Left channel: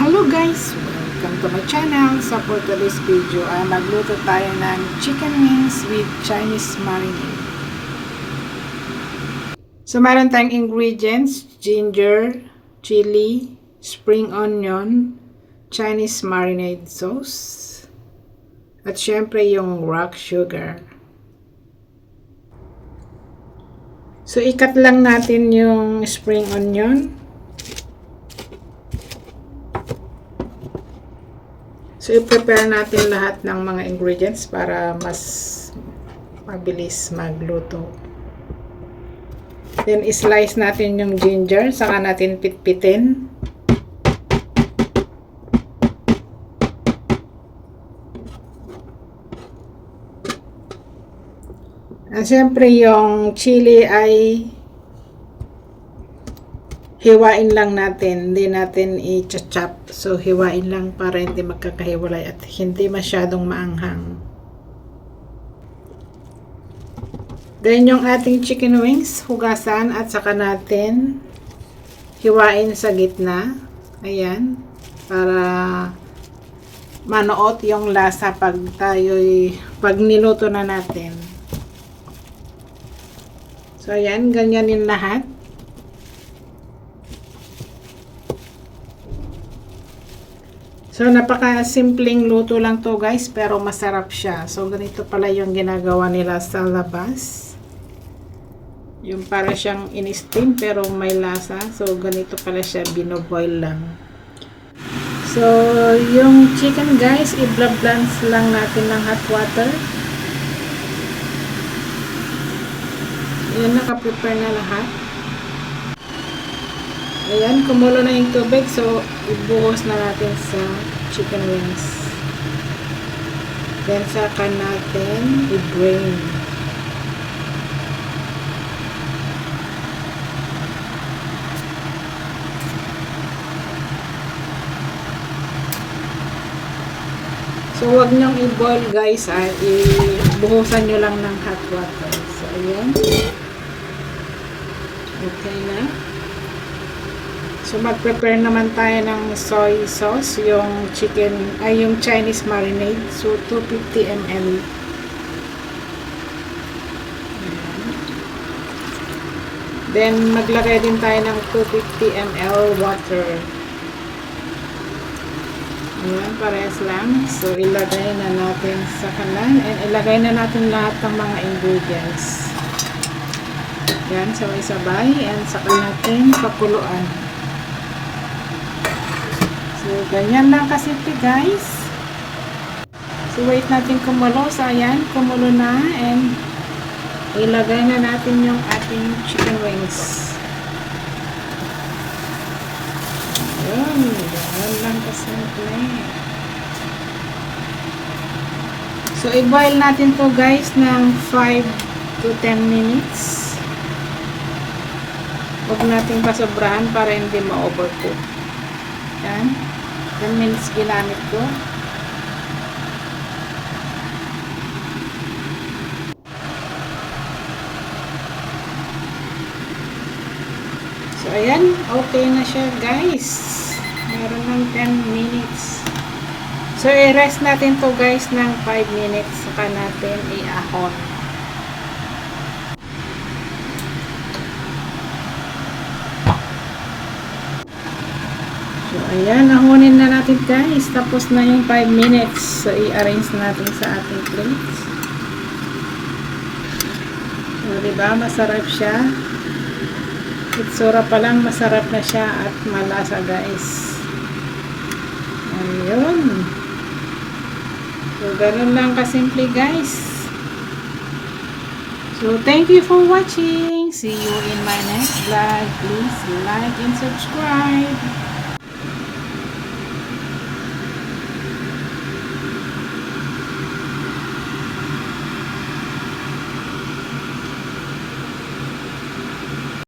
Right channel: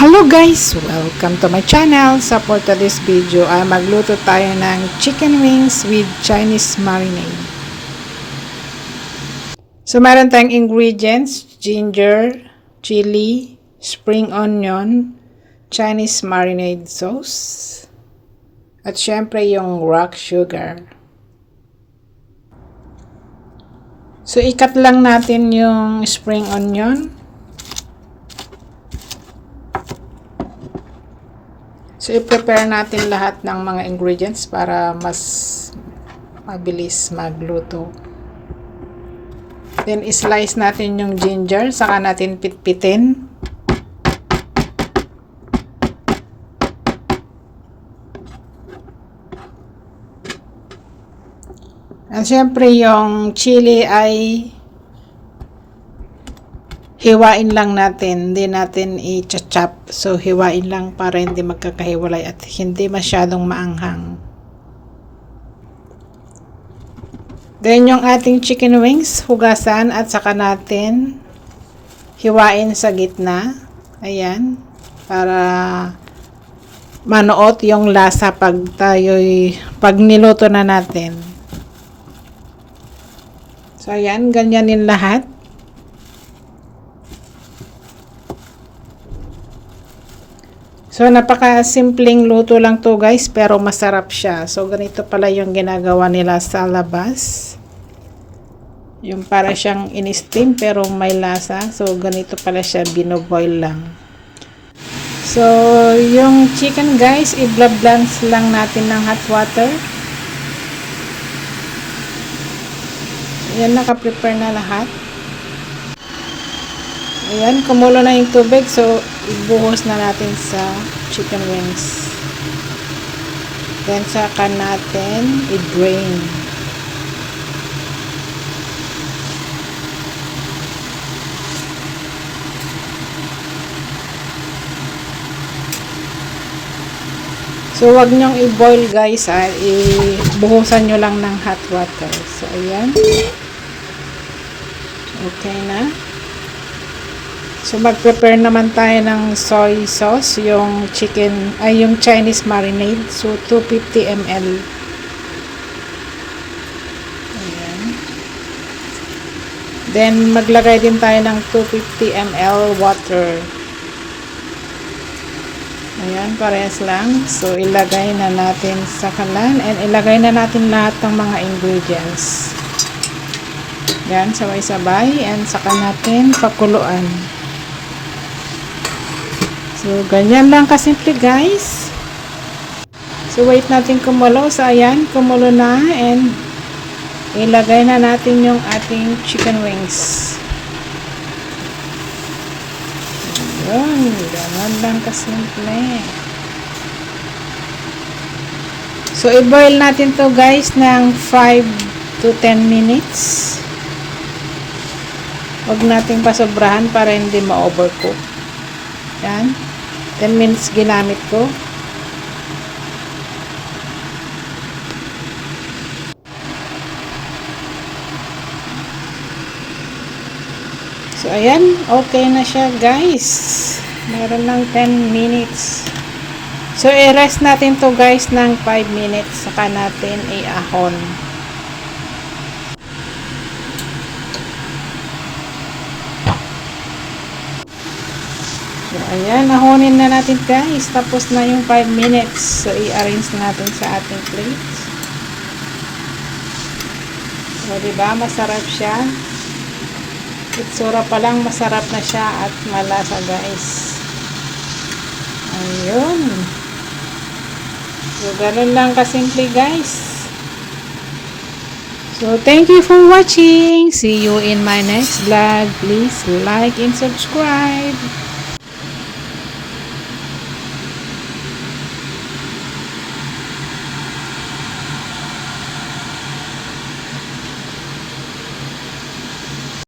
Hello guys! Welcome to my channel. Sa for today's video ay magluto tayo ng chicken wings with Chinese marinade. So meron tayong ingredients: ginger, chili, spring onion, Chinese marinade sauce, at syempre yung rock sugar. So ikat lang natin yung spring onion. So, i-prepare natin lahat ng mga ingredients para mas mabilis magluto. Then, i-slice natin yung ginger, saka natin pitpitin. At syempre, yung chili ay hiwain lang natin, hindi natin i-chop. So, hiwain lang para hindi magkakahiwalay at hindi masyadong maanghang. Then, yung ating chicken wings, hugasan at saka natin hiwain sa gitna. Ayan, para manuot yung lasa pag niluto na natin. So, ayan, ganyanin lahat. So, napaka-simpleng luto lang to guys, pero masarap siya. So, ganito pala yung ginagawa nila sa labas. Yung para siyang in-steam pero may lasa. So, ganito pala siya, binoboil lang. So, yung chicken guys, i-blance lang natin ng hot water. Yan, naka-prepare na lahat. Ayan, kumulo na yung tubig. So, ibuhos na natin sa chicken wings. Then, saka natin i-drain. So, wag nyong i-boil guys. Ibuhusan nyo lang ng hot water. So, ayan. Okay na. So, mag-prepare naman tayo ng soy sauce, yung yung Chinese marinade. So, 250 ml. Ayan. Then, maglagay din tayo ng 250 ml water. Ayan, parehas lang. So, ilagay na natin sa kalan and ilagay na natin lahat ng mga ingredients. Ayan, sabay-sabay and saka natin pakuluan. So, ganyan lang kasimple guys. So, wait natin kumulo. So, ayan, kumulo na and ilagay na natin yung ating chicken wings. Ayan, ganyan lang kasimple. So, i-boil natin to guys ng 5 to 10 minutes. Huwag natin pasobrahan para hindi ma-overcook. Yan. 10 minutes ginamit ko. So, ayan. Okay na siya, guys. Meron lang 10 minutes. So, i-rest natin to guys ng 5 minutes. Saka natin i-ahon. So, ayan, nahonin na natin guys. Tapos na yung 5 minutes. So, i-arrange natin sa ating plate. So, diba? Masarap siya. Itsura pa lang, masarap na siya at malasa guys. Ayun. So, ganun lang kasimple guys. So, thank you for watching. See you in my next vlog. Please like and subscribe.